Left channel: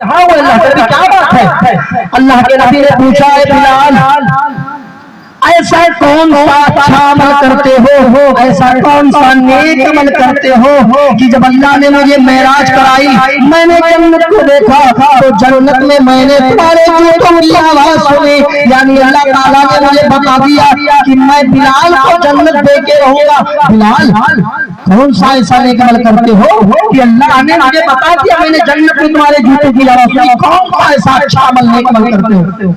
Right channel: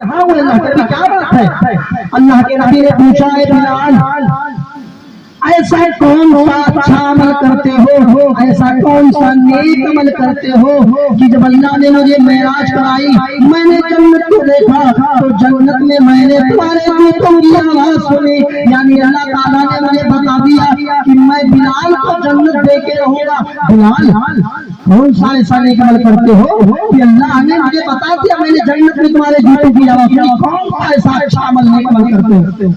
ہاں وہ اللہ کے نبی کیا بات ہے؟ اللہ کے نبی نے پوچھا ہے بلال ایسا کون سا اچھا عمل کرتے ہو، ایسا کون سا نیک عمل کرتے ہو کہ جب اللہ نے مجھے معراج کرائی میں نے جنت کو دیکھا تو جنت میں میں نے تمہارے جوتوں کی آواز سنی، یعنی اللہ تعالیٰ نے مجھے بتا دیا کہ میں بلال کو جنت دے کے رہوں گا۔ بلال کون سا ایسا نیک عمل کرتے ہو کہ اللہ نے مجھے بتا دیا میں نے جنت میں تمہارے جوتوں کی آواز سنی، کون سا ایسا اچھا عمل نیک عمل کرتے ہو؟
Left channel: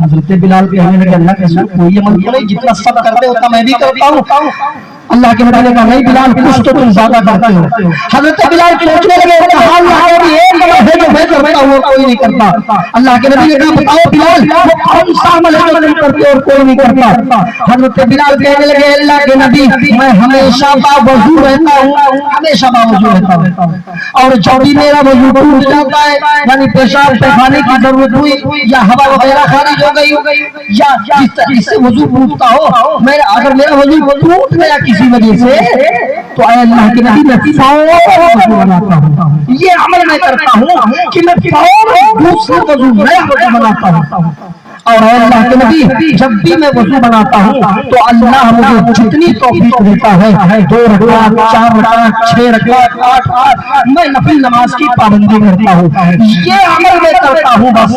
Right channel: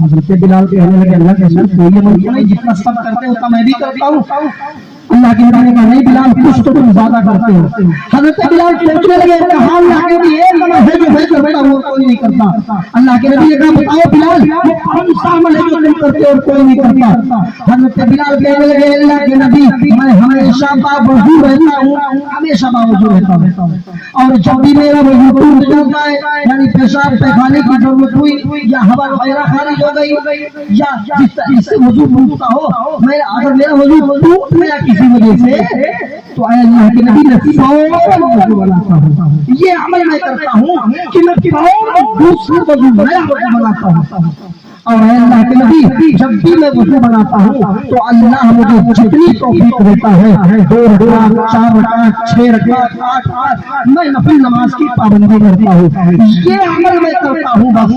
حضرت بلال کہنے لگے اللہ کے رسول کوئی عمل نہیں، جتنا سب کرتے ہوتا میں بھی کرتا ہوں۔ اللہ کے نبی نے کہا نہیں بلال کچھ تو تم زیادہ کرتے ہو۔ حضرت بلال سوچنے لگے کہا ایک عمل ہے جو میں کرتا ہوں اور کوئی نہیں کرتا۔ اللہ کے نبی نے کہا بتاؤ بلال وہ کون سا عمل ہے جو تم کرتے اور کوئی نہیں کرتا؟ حضرت بلال کہنے لگے اللہ کے نبی میں ہمیشہ باوضو رہتا ہوں، ہمیشہ باوضو رہتا ہوں، اور جب بھی میرا وضو ٹوٹ جاتا ہے یعنی پیشاب پیخانے کی ضرورت ہوئی یا ہوا وغیرہ خارج ہو گئی یا جس سے وضو ٹوٹتا ہو، اگر میرا وضو ٹوٹ گیا کسی وجہ سے تو اے اللہ کے نبی میں فوراً وضو بناتا ہوں۔ یہ عمل میں کرتا ہوں کہ میں فوراً دوسرا وضو نیا وضو بناتا ہوں، اور اے اللہ کے نبی جب بھی میں وضو بناتا ہوں تو اللہ مجھے جتنی توفیق دیتا ہے 2 رکعت 4 رکعت 6 رکعت 8 میں نفل نماز کی پابندی کرتا ہوں۔ یہ عمل میں کرتا ہوں، بس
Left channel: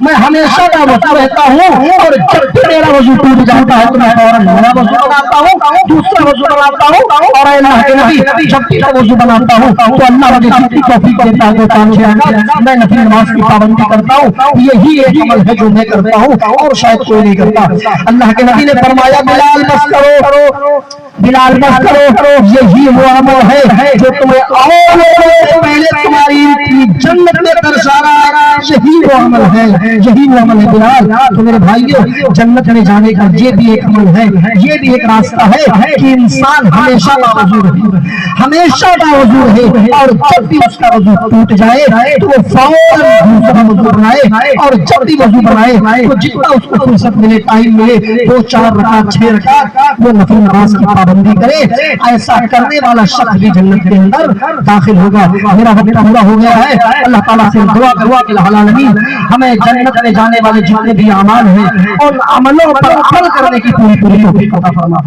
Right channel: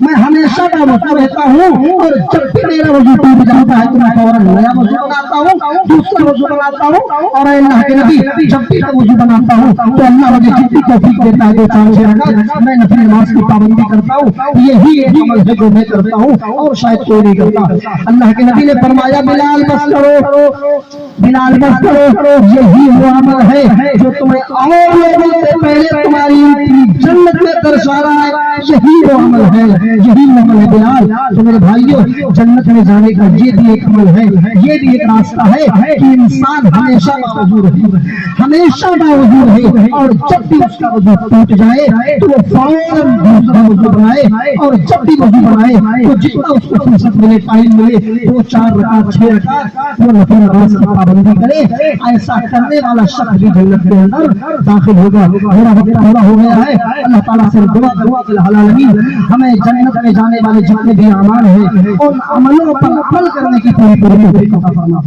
میں ہمیشہ کا وضو رہتا ہوں، اور جب بھی میرا وضو ٹوٹ جاتا ہے تو میں فوراً نیا وضو بناتا ہوں، دوسرا وضو بناتا ہوں، اور اے اللہ کے نبی جب بھی میں وضو بناتا ہوں تو اللہ مجھے جتنی توفیق دیتا ہے 2 5 6 رکعت میں نفل نماز کی پابندی کرتا ہوں۔ یہی ایک عمل ہے جو میں کرتا ہوں اور شاید کوئی نہیں کرتا۔ اللہ کے نبی نے فرمایا بلال بس کرو، بلال بس کرو، یہی وہ عمل ہے جو تمہیں اور پہلے تمہاری جنت میں درشا رہا ہے، یہی وہ عمل ہے، یہی وہ عمل ہے بلال۔ تو میرے بھائیو جنت میں جانے کا یہ بھی ایک عمل ہے، یہ بھی ایک راستہ ہے کہ انسان ہمیشہ باوضو رہے، ہمیشہ باوضو رہے، اور جب بھی اس کا وضو ٹوٹ جائے تو وہ فوراً دوسرا وضو بنائے، اور جب بھی وضو بنائے تو جتنا اس کو فرصت ملے ٹائم ملے 2 4 رکعت 6 رکعت وہ نفل نماز کی پابندی کرے۔ ایسا کرنے والا شخص بھی جنت کے اندر داخل ہوگا۔ میرا وقت پورا ہو گیا ہے، اللہ تعالیٰ سے دعا کروا کہ العالمین ہمیں جنت میں جانے والے جتنے بھی اعمال ہیں ان عملوں پر عمل کرنے کی پوری توفیق عطا فرما۔